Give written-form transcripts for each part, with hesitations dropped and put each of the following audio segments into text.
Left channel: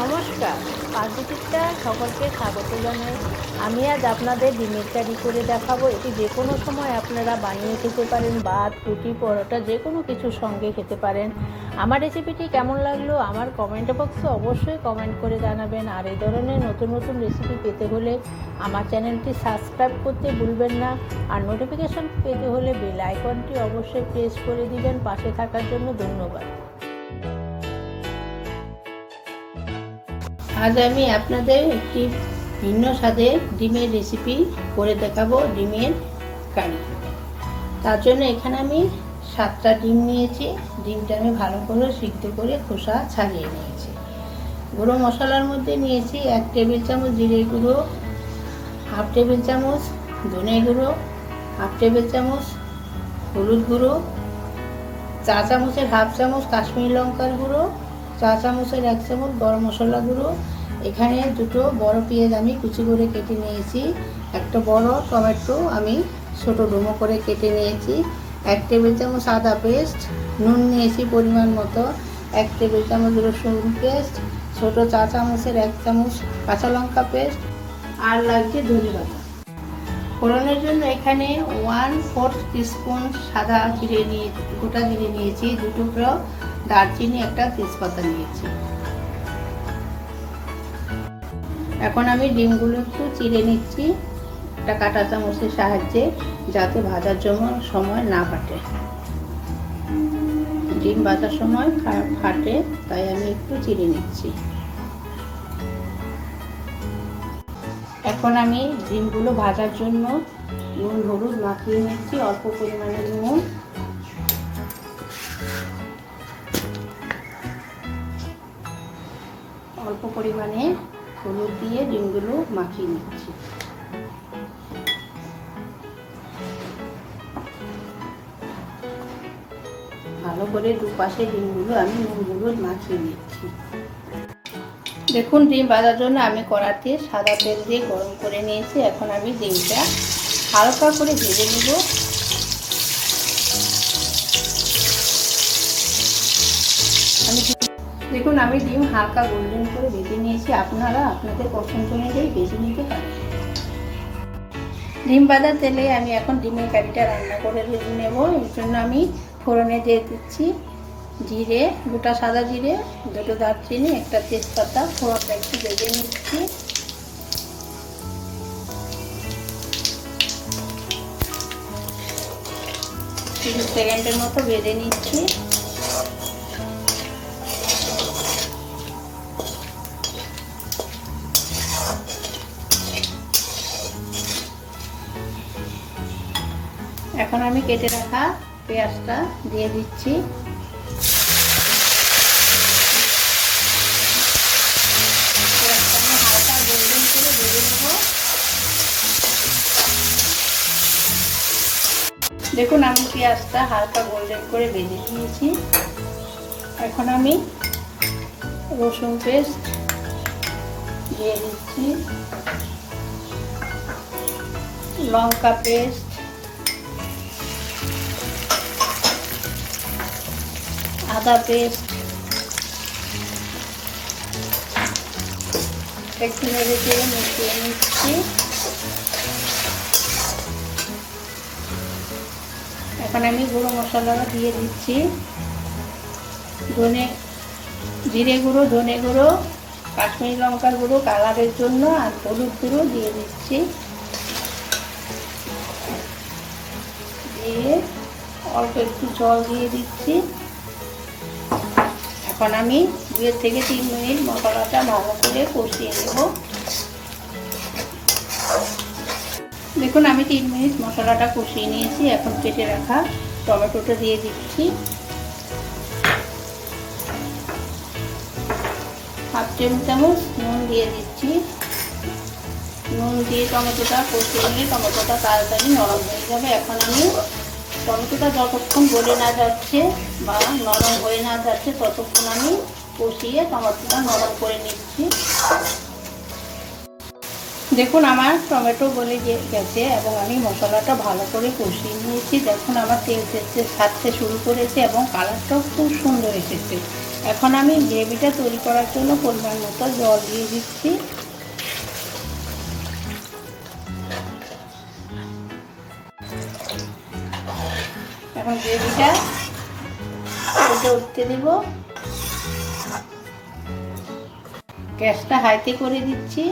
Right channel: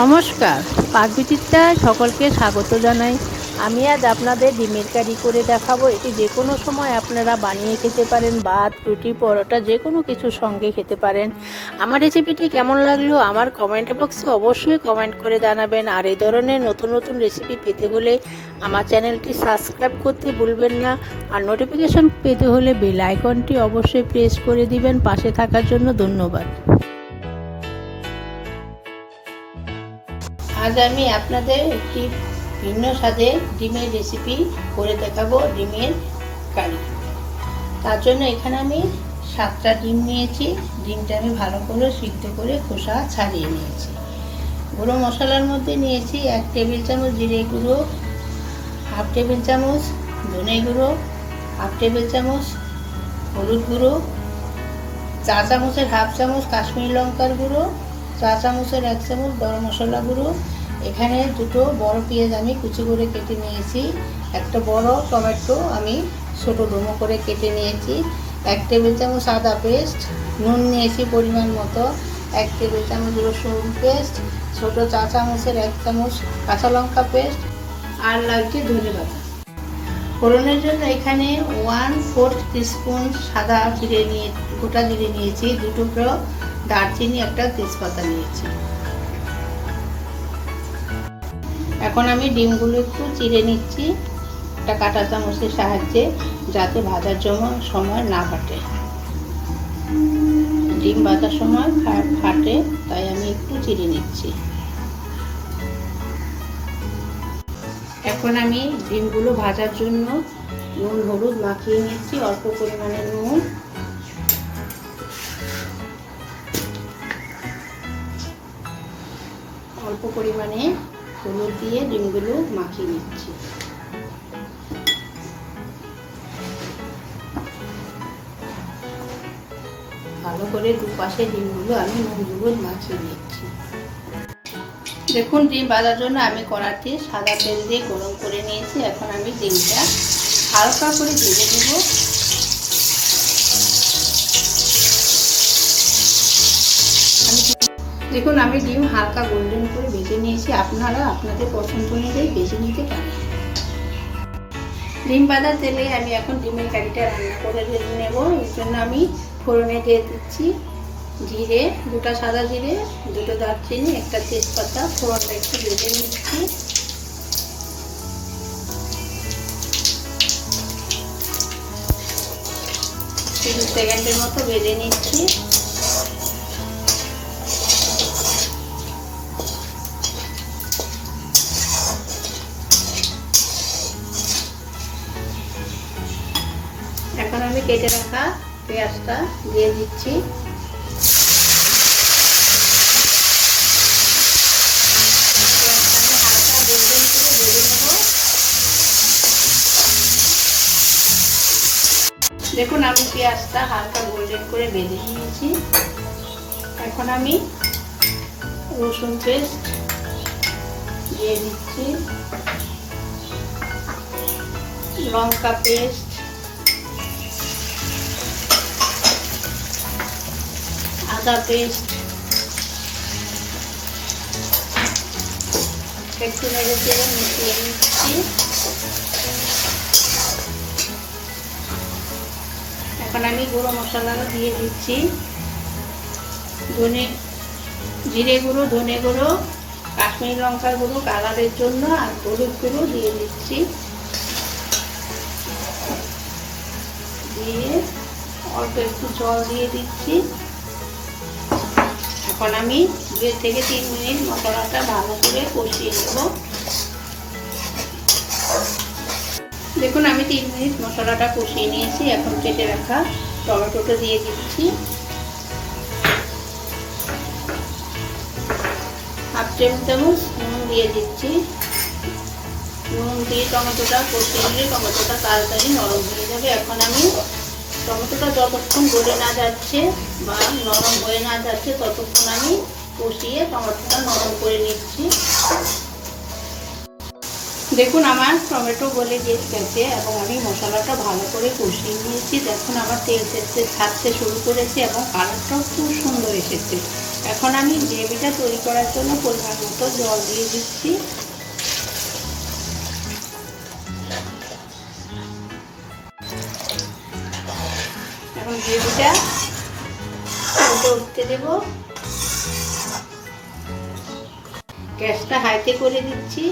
নমস্কার, পাকবিচিত্রায় সকলকে স্বাগত জানাই। আমি আজ আপনাদের ডিমের কারি করে দেখাবো। এটি যে কোনো সময় আপনারা বানিয়ে খেতে পারেন, ভাত, রুটি, পরোটা যে কোনো কিছুর সঙ্গে খেতে পারেন। আমার রেসিপিটি কেমন লাগলো আমার কমেন্ট বক্সে অবশ্যই কমেন্ট করে জানাবেন। আর এই ধরনের নতুন নতুন রেসিপি পেতে হলে আমার চ্যানেলটি সাবস্ক্রাইব করতে ভুলবেন না। আর নোটিফিকেশন পেতে হলে বেল আইকনটি অবশ্যই প্রেস করে দিবেন। পাশে থাকার জন্য ধন্যবাদ। আজ আমি আপনাদের একটি ভিন্ন স্বাদে ডিমের রেসিপি করে দেখাবো, ডিমের কারি। তার জন্য এখানে আমি 7টা ডিম নিয়েছি। ডিমটা আমি ভালো করে সিদ্ধ করে খোসা ছাড়িয়ে নিয়েছি। গুঁড়ো মশলার মধ্যে নিয়েছি 1 টেবিল চামচ জিরে গুঁড়ো, 1/2 টেবিল চামচ ধনে গুঁড়ো, 1/2 টেবিল চামচ হলুদ গুঁড়ো, 1 চামচের 1/2 চামচ কাশ্মীরি লঙ্কার গুঁড়ো, 1 চামচের 1 চামচ গরম মশলা গুঁড়ো। এখানে দুটো বড় পেঁয়াজ আমি কুচি করে কেটে নিয়েছি। একটা বড় টমেটো আমি ছোট ডুমো করে কেটে নিয়েছি। 1 টেবিল চামচ আদা পেস্ট, নুন নিয়েছি পরিমাণ মতো, 1 টেবিল চামচ রসুন পেস্ট, ছোট 4 চামচের 1 চামচ কাঁচা লঙ্কা পেস্ট, আর লাগছে ধনে পাতা। ফোড়নের জন্য এখানে 1/4 টিস্পুন সাদা জিরে নিয়ে গোটা জিরে নিয়েছি, 2 টুকরো দারচিনি, একটা তেজপাতা নিয়েছি। এখন আমি ডিমগুলো একটু চিড়ে নিচ্ছি একটা কাঁটা চামচের সাহায্যে, যাতে ভাজার সময় না ফাটে। ডিম ভাজার সময় ফাটে, তাই আমি একটু চিড়ে নিচ্ছি। এখন আমি ডিমগুলো ভাজার জন্য নুন হলুদ মাখিয়ে নিচ্ছি। অল্প পরিমাণে নুন, অল্প পরিমাণে হলুদ দিয়ে ডিমগুলো মাখিয়ে নিচ্ছি। ভালো করে দুপাশে ডিমগুলো আমি নুন হলুদ মাখিয়ে নিচ্ছি। দেখুন, ডিম ভাজার জন্য আমি কড়াইতে সাদা তেল দিয়ে গরম করে নিয়েছি। এখন আমি ডিমটা হালকা করে ভেজে নেব। দেখুন, আমি ডিম হালকা গোল্ডেন করে ভেজে নিয়েছি। আপনারা আপনাদের পছন্দ অনুযায়ী ভেজে নিতে পারেন। ডিম ভাজা তেলে আমি এখন ডিমের কারিটা রান্না করে নেব। এর জন্য আমি ফোড়নে দিয়ে দিচ্ছি জিরে, 2টা সাদা জিরে, 2টো দারচিনি, একটা তেজপাতা। ফোড়নটা একটু ভেজে নিচ্ছি। তিন সেকেন্ডের মতো ভেজে নিচ্ছি। এখন আমি কেটে রাখা পেঁয়াজটা দিয়ে দিচ্ছি। দেখুন, আমি পেঁয়াজটা হালকা গোল্ডেন করে ভেজে নিয়েছি। এখন আমি রসুন পেস্ট দিয়ে দিচ্ছি, লঙ্কা পেস্ট, আদা পেস্ট, একটু নেড়ে চেড়ে মিশিয়ে নিচ্ছি। এখন আমি গুঁড়ো মশলাটা দিয়ে দিচ্ছি। জিরে গুঁড়ো, ধনে গুঁড়ো, কাশ্মীরি লঙ্কার গুঁড়ো কালারের জন্য, আর হলুদ গুঁড়ো দিয়ে দিচ্ছি। দিয়ে অল্প একটু জল দিয়ে দিচ্ছি। এখন আমি 2 থেকে 3 মিনিট মশলাটা ভালো করে কষিয়ে নেব। দেখুন, আমি 3 মিনিট মশলাটা কষিয়ে নিয়েছি। এখন কেটে রাখা টমেটোটা দিয়ে দিচ্ছি। 1/2 টেবিল চামচ নুন দিয়ে দিচ্ছি। নুন দিয়ে টমেটোটা কষিয়ে নিলে টমেটোটা তাড়াতাড়ি নরম হয়ে যাবে। এখন আমি টমেটোটা যতক্ষণ গলে না যাচ্ছে বা নরম হয়ে না যাচ্ছে ততক্ষণ আমি কষিয়ে টমেটোটা নরম করে নিচ্ছি। দেখুন, আমার টমেটো গলে গেছে এবং আমি মশলাটা ভালো করে কষিয়ে নিয়েছি। দেখুন, আমার তেল ছাড়তে শুরু করেছে এবং কালারটাও খুব সুন্দর এসেছে। এখন আমি গ্রেভিটা তৈরি করার জন্য পরিমাণ মতো জল দিয়ে দিচ্ছি। এখন গ্রেভিটা উঠতে দেব। গ্যাসটা হাইতে করে দিচ্ছি।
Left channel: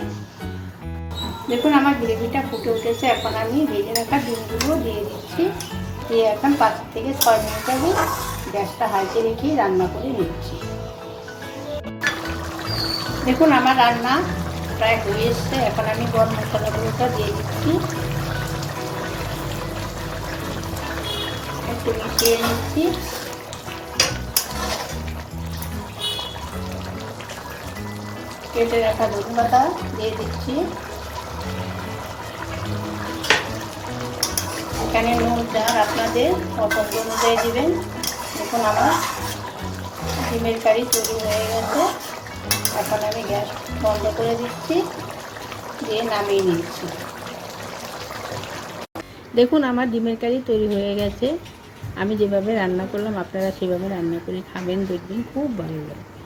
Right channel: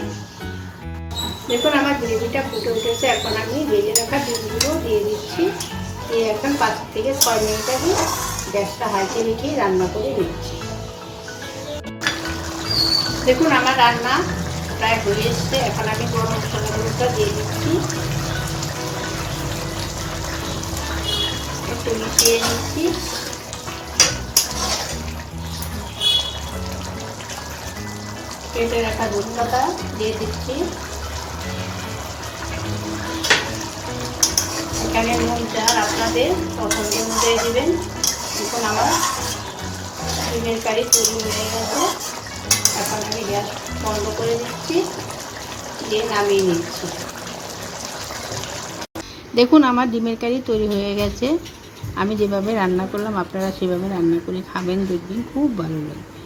দেখুন আমার গ্রেভিটা ফুটে উঠেছে। এখন আমি ভেজে রাখা ডিমগুলো দিয়ে দিচ্ছি। দিয়ে এখন 5 থেকে 6 মিনিট আমি গ্যাসটা হাইতে রেখে রান্না করে দিচ্ছি। দেখুন আমার রান্না প্রায় হয়ে এসছে। এখন আমি গরম মশলাগুলোটা দিয়ে দিচ্ছি, একটু মিশিয়ে নিচ্ছি। কেটে রাখা ধনে পাতা দিয়ে দিচ্ছি। এখানে নুন যা আপনাদের পছন্দ অনুযায়ী দেবেন। এখন আমার ডিমের কারি তৈরি হয়ে গেছে। এখন আমি গ্যাস বন্ধ করে দিচ্ছি, দিয়ে নামিয়ে নিচ্ছি। দেখুন আমার ডিমের কারি তৈরি হয়ে গেছে। আমি যেভাবে রান্না করলাম আপনারা সেভাবে রান্না করে খাবেন, দেখবেন খুব ভালো লাগবে।